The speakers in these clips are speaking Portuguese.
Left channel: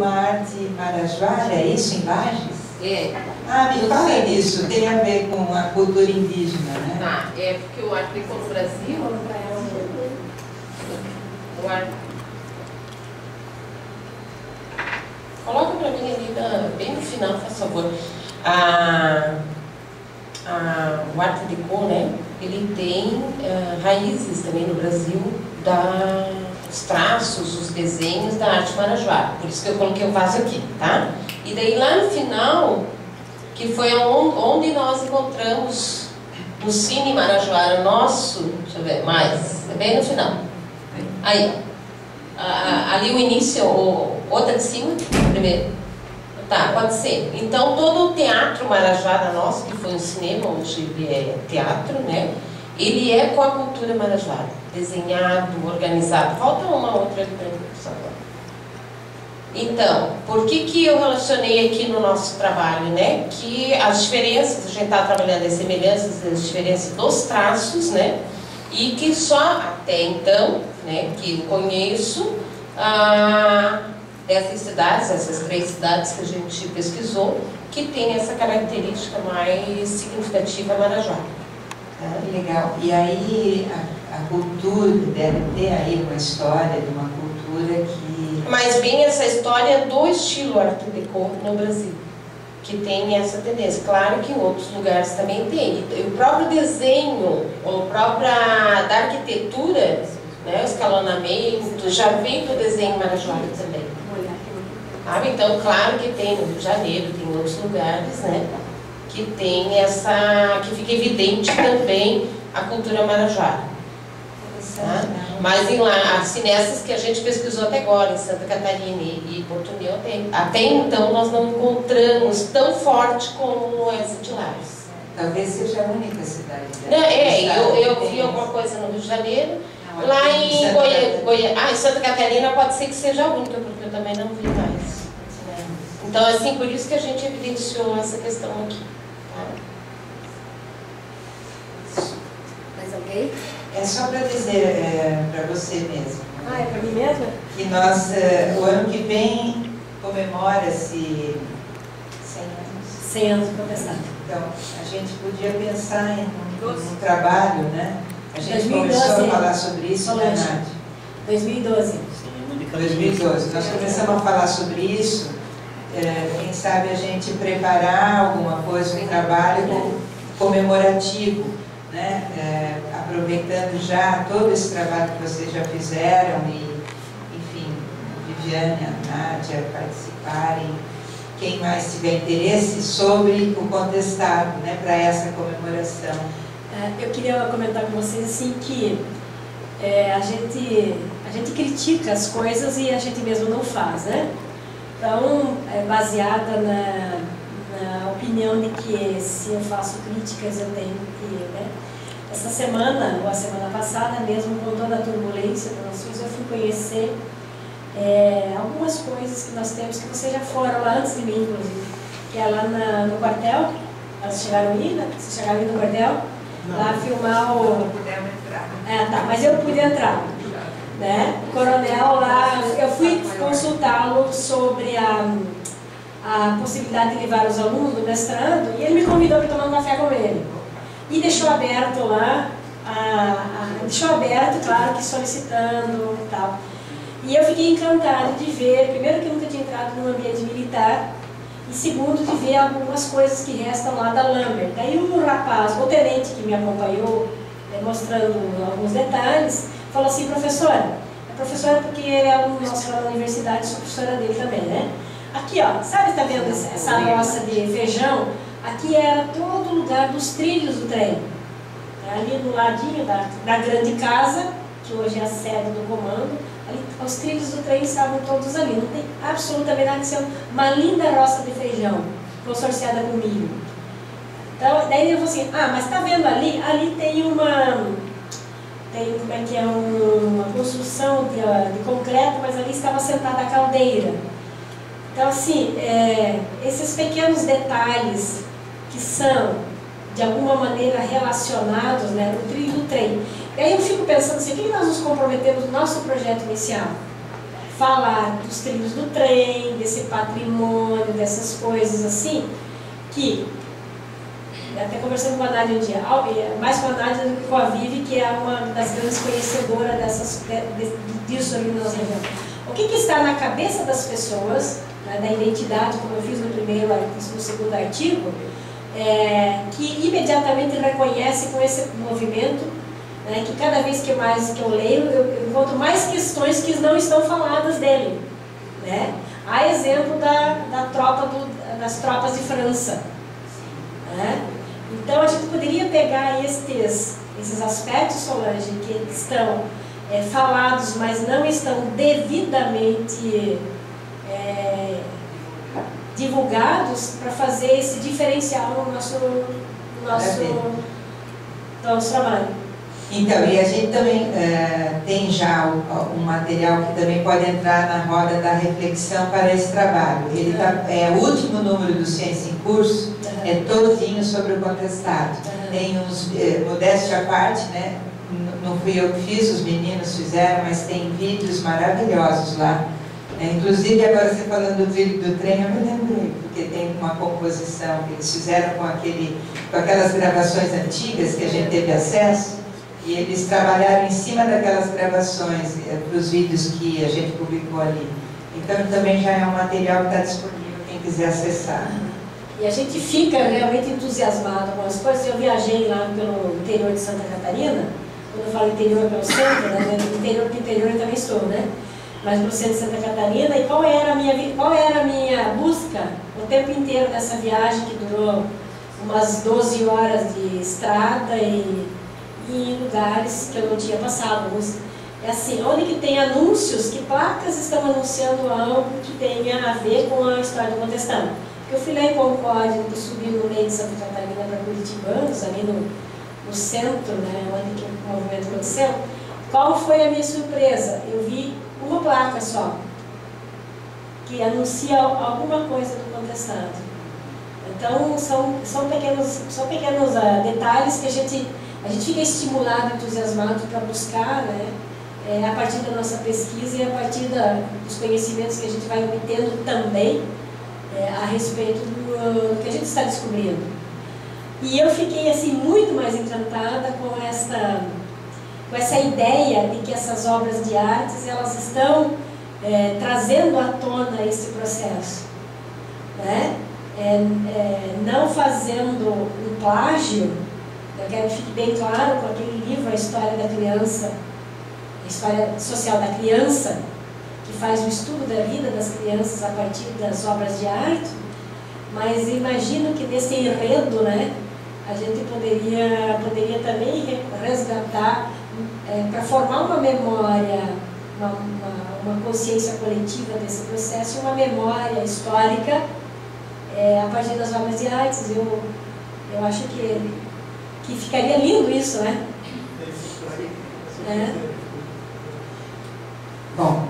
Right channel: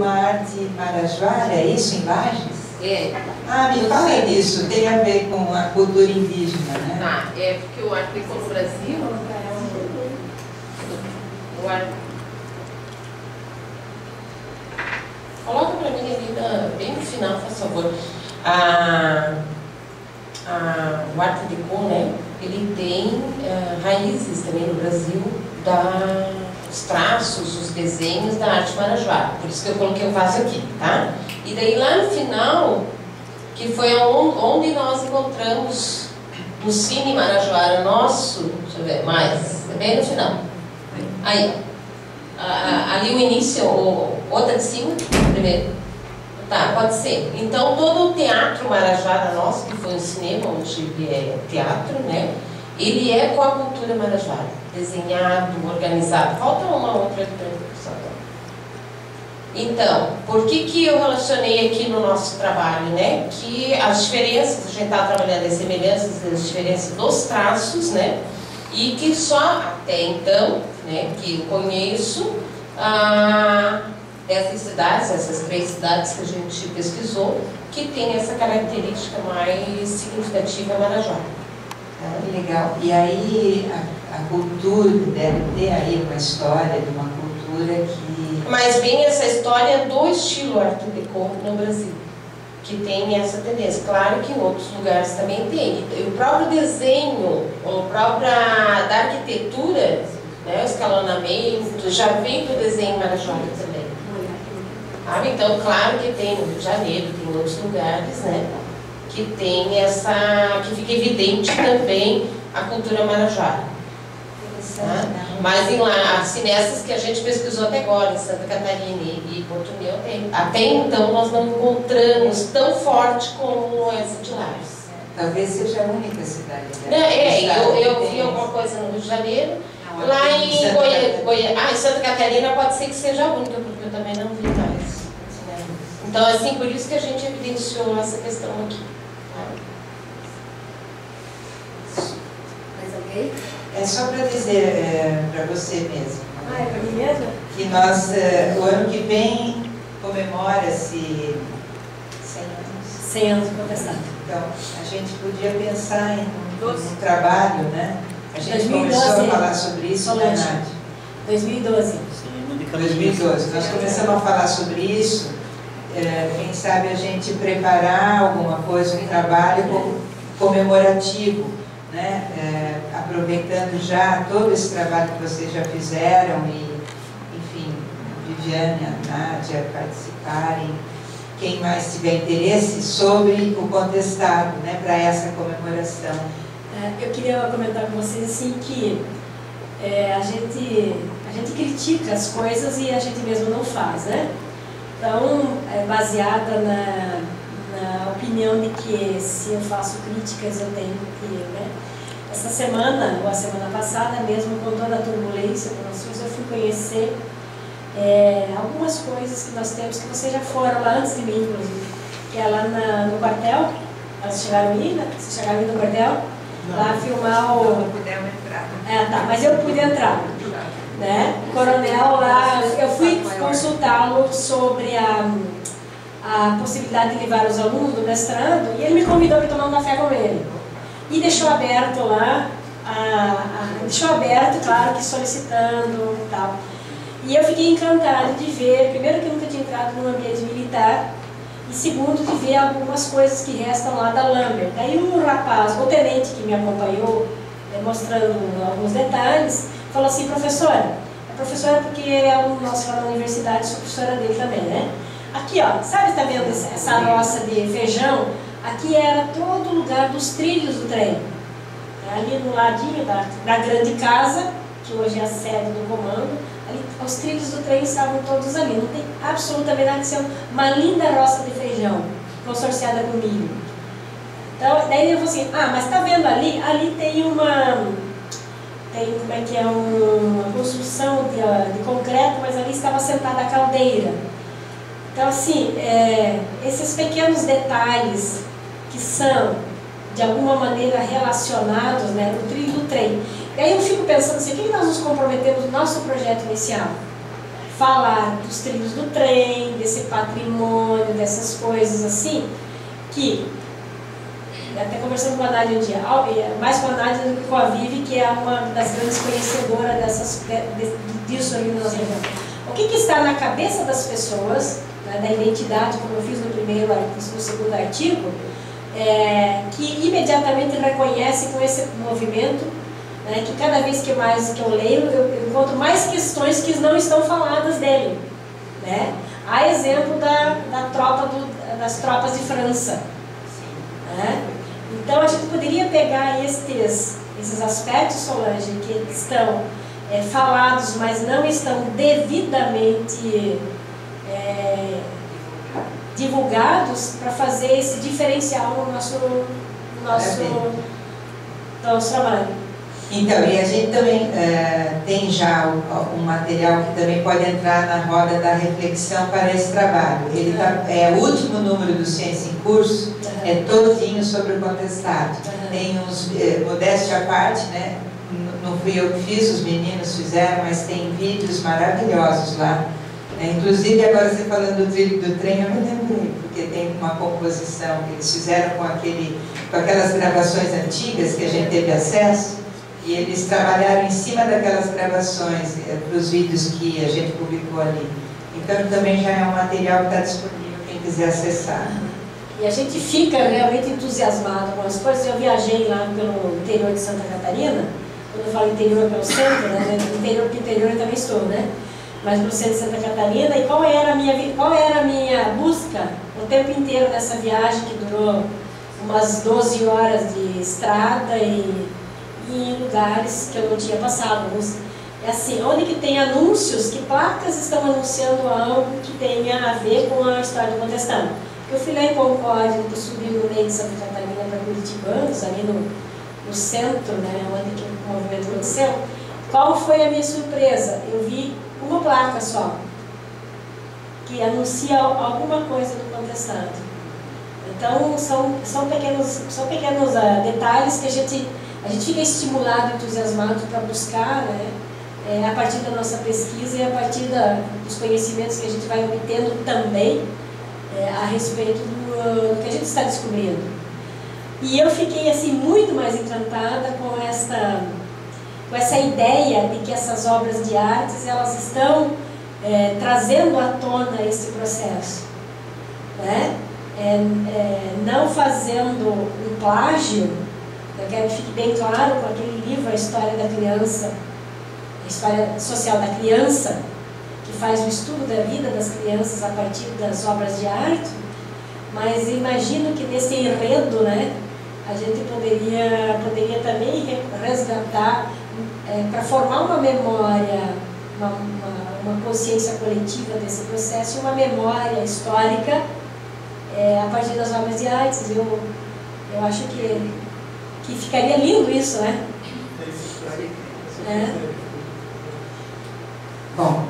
uma arte marajoara, é isso, em Lages? É. Ah, me fala disso, tem a ver com a cultura indígena, né? Tá, é porque o Art Deco no Brasil, o Art... Coloca pra mim ali, bem no final, por favor. O Art Deco, né, ele tem raízes também no Brasil os traços, os desenhos da arte marajoara. Por isso que eu coloquei o vaso aqui, tá? E daí lá no final, que foi onde nós encontramos no Cine Marajoara nosso, deixa eu ver, mais, é bem no final. Aí, ali o início, outra de cima, primeiro. Tá, pode ser. Então, todo o teatro Marajoara nosso, que foi um cinema, hoje ele é teatro, né? Ele é com a cultura marajoara, desenhado, organizado. Falta uma outra ali para mim, por favor. Então, por que eu relacionei aqui no nosso trabalho, né? Que as diferenças, a gente está trabalhando as semelhanças, as diferenças dos traços, né? E que só até então, né, que eu conheço dessas cidades, essas 3 cidades que a gente pesquisou, que tem essa característica mais significativa marajoara. Legal. E aí a cultura deve ter aí uma história de uma cultura que... Mas bem essa história do estilo Art Deco no Brasil, que tem essa tendência. Claro que em outros lugares também tem. E o próprio desenho, da arquitetura, né, o escalonamento, já vem do desenho marajoara também. Então, claro que tem no Rio de Janeiro, tem em outros lugares, né? Que tem que fica evidente também a cultura marajoara. Mas assim, nessas que a gente pesquisou até agora, em Santa Catarina e Porto União, até então nós não encontramos tão forte como essa de Lages. Talvez seja a única cidade. Eu vi alguma coisa no Rio de Janeiro, lá em Goiás. Em Santa Catarina pode ser que seja a única, porque eu também não vi mais. Então, assim, por isso que a gente evidenciou essa questão aqui. Mais alguém? É só para dizer para você mesmo. É para mim mesmo? Que nós, o ano que vem, comemora-se 100 anos. 100 anos de protestado. Então, a gente podia pensar em um trabalho, né? A gente 2012, começou a falar sobre isso, né, Nádia? 2012. 2012. Nós começamos a falar sobre isso. Quem sabe a gente preparar alguma coisa, um trabalho comemorativo, né? Aproveitando já todo esse trabalho que vocês já fizeram e, enfim, Viviane, a Nádia participarem, quem mais tiver interesse sobre o contestado, né, para essa comemoração. Eu queria comentar com vocês assim que a gente critica as coisas e a gente mesmo não faz, né? Então, baseada na opinião de que se eu faço críticas eu tenho que, né? Essa semana, ou a semana passada mesmo, com toda a turbulência das nações, eu fui conhecer algumas coisas que nós temos, que vocês já foram lá antes de mim, inclusive, que é lá no quartel. Elas chegaram aí, né? Vocês chegaram aí no quartel? Não. Lá filmar o... Não pudemos entrar. Tá, mas eu pude entrar. Né? O coronel lá, eu fui consultá-lo sobre a possibilidade de levar os alunos do mestrando e ele me convidou para tomar um café com ele. E deixou aberto lá, claro que solicitando e tal. E eu fiquei encantada de ver, primeiro que eu nunca tinha entrado num ambiente militar, e segundo de ver algumas coisas que restam lá da Lambert. Daí o rapaz, o tenente que me acompanhou, mostrando alguns detalhes, falou assim: professora, porque ele é aluno nosso lá na universidade, sou professora dele também, né? Aqui, ó, sabe, está vendo essa roça de feijão? Aqui era todo o lugar dos trilhos do trem. Ali no ladinho da grande casa, que hoje é a sede do comando, ali, os trilhos do trem estavam todos ali. Não tem absolutamente nada de ser uma linda roça de feijão, consorciada com milho. Então, daí ele falou assim: mas está vendo ali? Ali tem uma construção de concreto, mas ali estava sentada a caldeira. Então, assim, esses pequenos detalhes que são, de alguma maneira, relacionados, né, no trilho do trem. E aí eu fico pensando assim: o que nós nos comprometemos no nosso projeto inicial? falar dos trilhos do trem, desse patrimônio, dessas coisas assim, que, até conversando com a Nádia um dia, mais com a Nádia do que com a Vivi, que é uma das grandes conhecedoras disso ali na nossa região. O que está na cabeça das pessoas, né, da identidade, como eu fiz no segundo artigo, que imediatamente reconhece com esse movimento, né, que cada vez que eu leio, eu encontro mais questões que não estão faladas dele. Né? Há exemplo das tropas de França. Né? Então a gente poderia pegar esses aspectos, Solange, que estão falados, mas não estão devidamente divulgados, para fazer esse diferencial no nosso trabalho. Então, e a gente também tem já um material que também pode entrar na roda da reflexão para esse trabalho. Ele é o último número do Ciência em Curso, é todinho sobre o contestado. Tem uns, modéstia à parte, né? Não fui eu que fiz, os meninos fizeram, mas tem vídeos maravilhosos lá. Inclusive, agora você falando do trilho do trem, eu me lembrei, porque tem uma composição que eles fizeram com aquelas gravações antigas que a gente teve acesso, e eles trabalharam em cima daquelas gravações, para os vídeos que a gente publicou ali. Então, também já é um material que está disponível, quem quiser acessar. E a gente fica realmente entusiasmado com as coisas. Eu viajei lá pelo interior de Santa Catarina, quando eu falo interior pelo centro, né? Porque interior eu também estou, né? Mas no centro de Santa Catarina, e qual era a minha busca o tempo inteiro dessa viagem, que durou umas 12 horas de estrada e em lugares que eu não tinha passado. É assim, onde que tem anúncios, que placas estão anunciando algo que tenha a ver com a história do contestão. Eu fui lá em Concórdia, eu subi no meio de Santa Catarina para Curitibanos, ali no centro, né, onde que o movimento aconteceu. Qual foi a minha surpresa? Eu vi uma placa só, que anuncia alguma coisa do contestado. Então, são pequenos detalhes que a gente fica estimulado, entusiasmado para buscar, né, a partir da nossa pesquisa e a partir dos conhecimentos que a gente vai obtendo também a respeito do que a gente está descobrindo. E eu fiquei assim muito mais encantada com essa ideia de que essas obras de artes, elas estão trazendo à tona esse processo, né? Não fazendo um plágio. Eu quero que fique bem claro com aquele livro, A História da Criança, A História Social da Criança, que faz o estudo da vida das crianças a partir das obras de arte, mas imagino que nesse enredo, né, a gente poderia também resgatar, para formar uma memória, uma consciência coletiva desse processo, uma memória histórica a partir das obras de artes. Eu acho que ficaria lindo isso, né? Bom,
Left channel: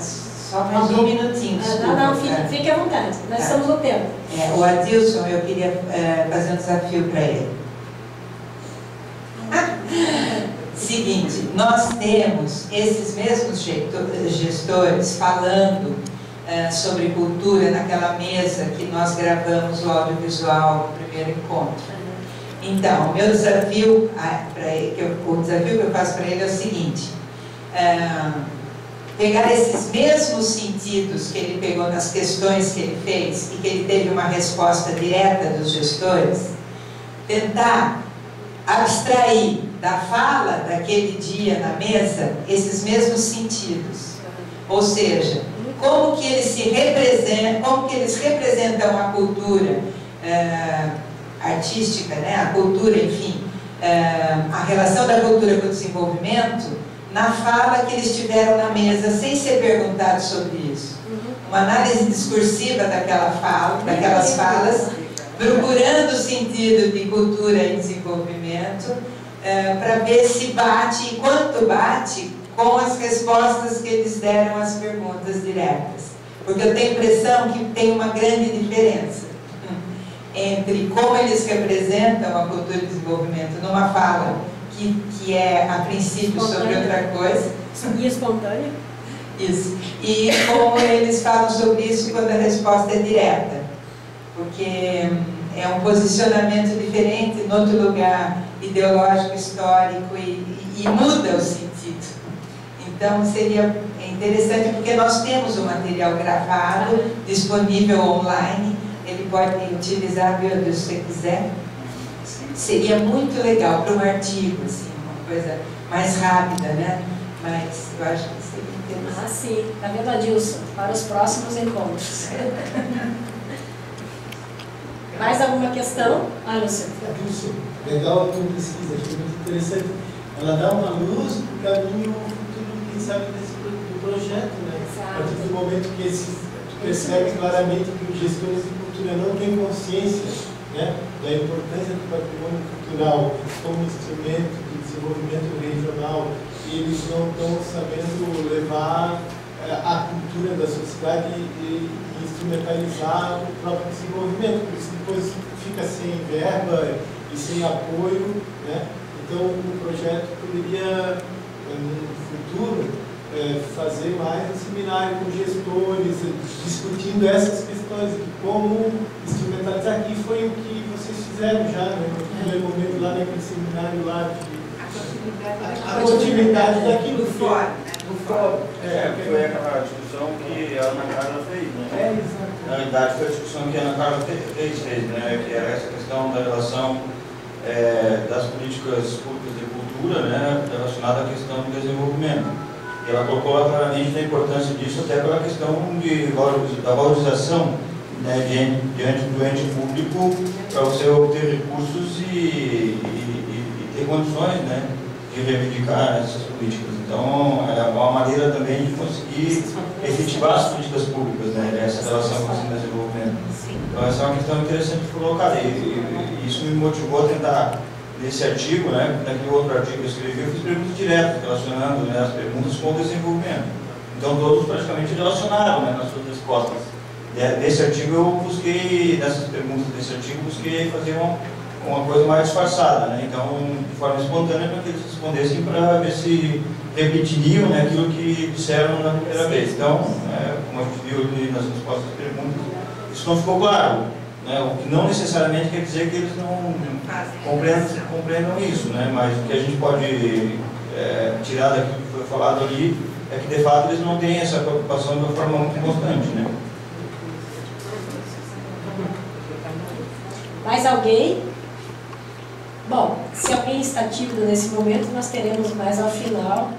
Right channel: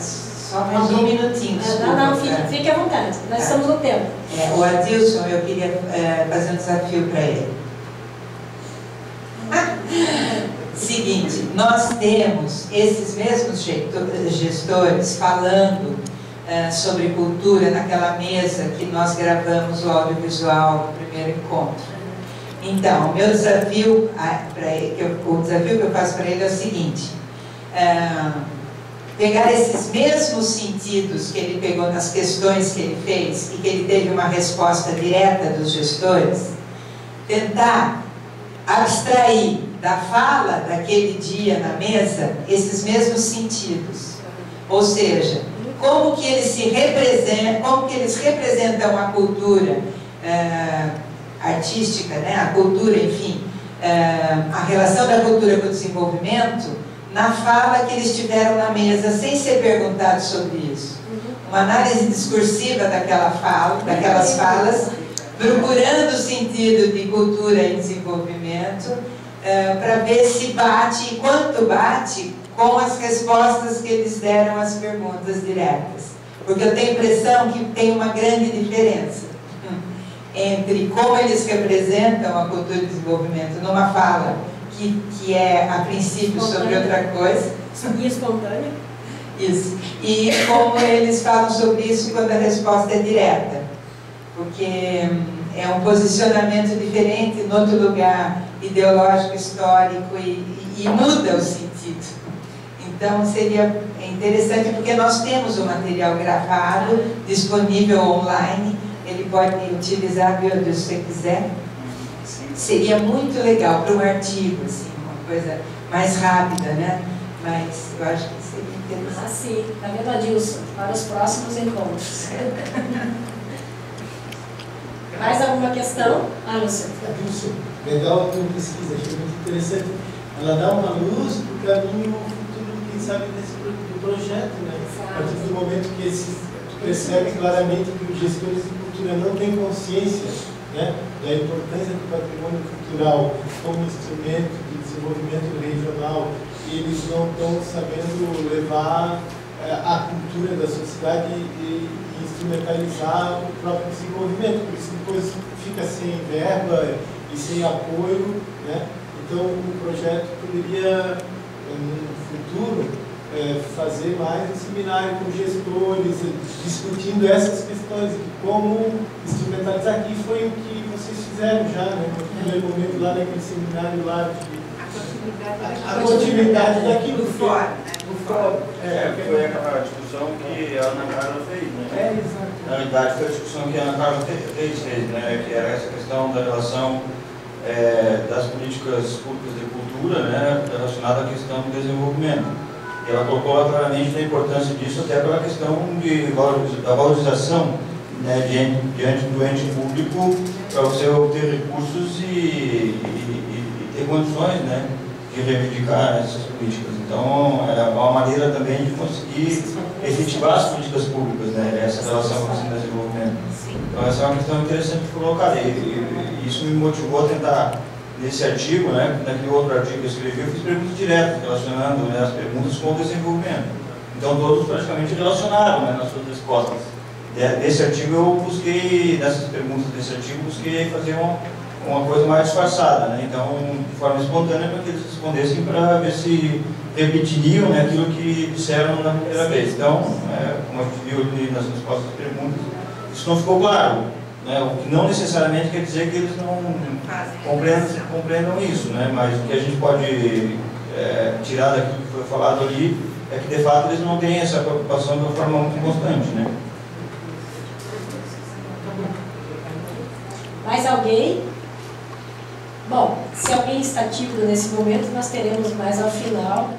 só mais um minutinho. Não, fique à vontade, nós estamos no tempo. O Adilson, eu queria fazer um desafio para ele. Seguinte, nós temos esses mesmos gestores falando sobre cultura naquela mesa que nós gravamos o audiovisual no primeiro encontro. Então, o meu desafio o desafio que eu faço para ele é o seguinte: pegar esses mesmos sentidos que ele pegou nas questões que ele fez e que ele teve uma resposta direta dos gestores, tentar abstrair da fala daquele dia na mesa esses mesmos sentidos. Ou seja, como que eles representam a cultura artística, né? A cultura, enfim, a relação da cultura com o desenvolvimento, na fala que eles tiveram na mesa, sem ser perguntados sobre isso. Uma análise discursiva daquelas falas, procurando o sentido de cultura e desenvolvimento, para ver se bate, e quanto bate, com as respostas que eles deram às perguntas diretas. Porque eu tenho a impressão que tem uma grande diferença entre como eles representam a cultura e o desenvolvimento numa fala que é, a princípio, sobre outra coisa. E espontânea. Isso. E como eles falam sobre isso quando a resposta é direta. Porque é um posicionamento diferente, em outro lugar ideológico, histórico, e muda o sentido. Então seria interessante, porque nós temos o material gravado, disponível online, ele pode utilizar se você quiser. Seria muito legal para um artigo, assim, uma coisa mais rápida, né? Mas eu acho que seria interessante. Ah, sim. Tá vendo, Adilson? Para os próximos encontros. Mais alguma questão? Ah, Lúcio. Adilson, legal a tua pesquisa, achei muito interessante. Ela dá uma luz para o caminho futuro, quem sabe, do projeto, né? Exato. A partir do momento que tu percebe claramente que os gestores de cultura não têm consciência, né, da importância do patrimônio cultural como instrumento de desenvolvimento regional, e eles não estão sabendo levar a cultura da sociedade e instrumentalizar o próprio desenvolvimento, por isso depois fica sem verba e sem apoio, né? Então o projeto poderia, no futuro, fazer mais um seminário com gestores, discutindo essas questões de como instrumentalizar, que foi o que vocês fizeram já, né, no primeiro momento lá naquele seminário lá de a continuidade daquilo do fórum, né? Do fórum. Foi aquela discussão que a Ana Carla fez, né? Exato. Na verdade, foi a discussão que a Ana Carla fez, né? Que era essa questão da relação das políticas públicas de cultura, né? Relacionada à questão do desenvolvimento. E ela colocou lá claramente a importância disso, até pela questão da valorização, né? diante do ente público, para você obter recursos e ter condições, né, de reivindicar essas políticas. Então, é uma maneira também de conseguir efetivar as políticas públicas, né, essa relação com o desenvolvimento. Então, essa é uma questão interessante de colocar. E isso me motivou a tentar, nesse artigo, né, naquele outro artigo que eu escrevi, eu fiz perguntas diretas, relacionando, né, as perguntas com o desenvolvimento. Então, todos praticamente relacionaram, né, nas suas respostas. Nesse artigo, eu busquei, nessas perguntas desse artigo, busquei fazer uma coisa mais disfarçada, né? Então, de forma espontânea, para que eles respondessem para ver se repetiriam, né, aquilo que disseram na primeira vez. Então, como a gente viu ali nas respostas às perguntas, isso não ficou claro, né? O que não necessariamente quer dizer que eles não compreendam isso, né? Mas o que a gente pode tirar daquilo que foi falado ali é que, de fato, eles não têm essa preocupação de uma forma muito constante, né? Mais alguém? Bom, se alguém está tímido nesse momento, nós teremos mais ao final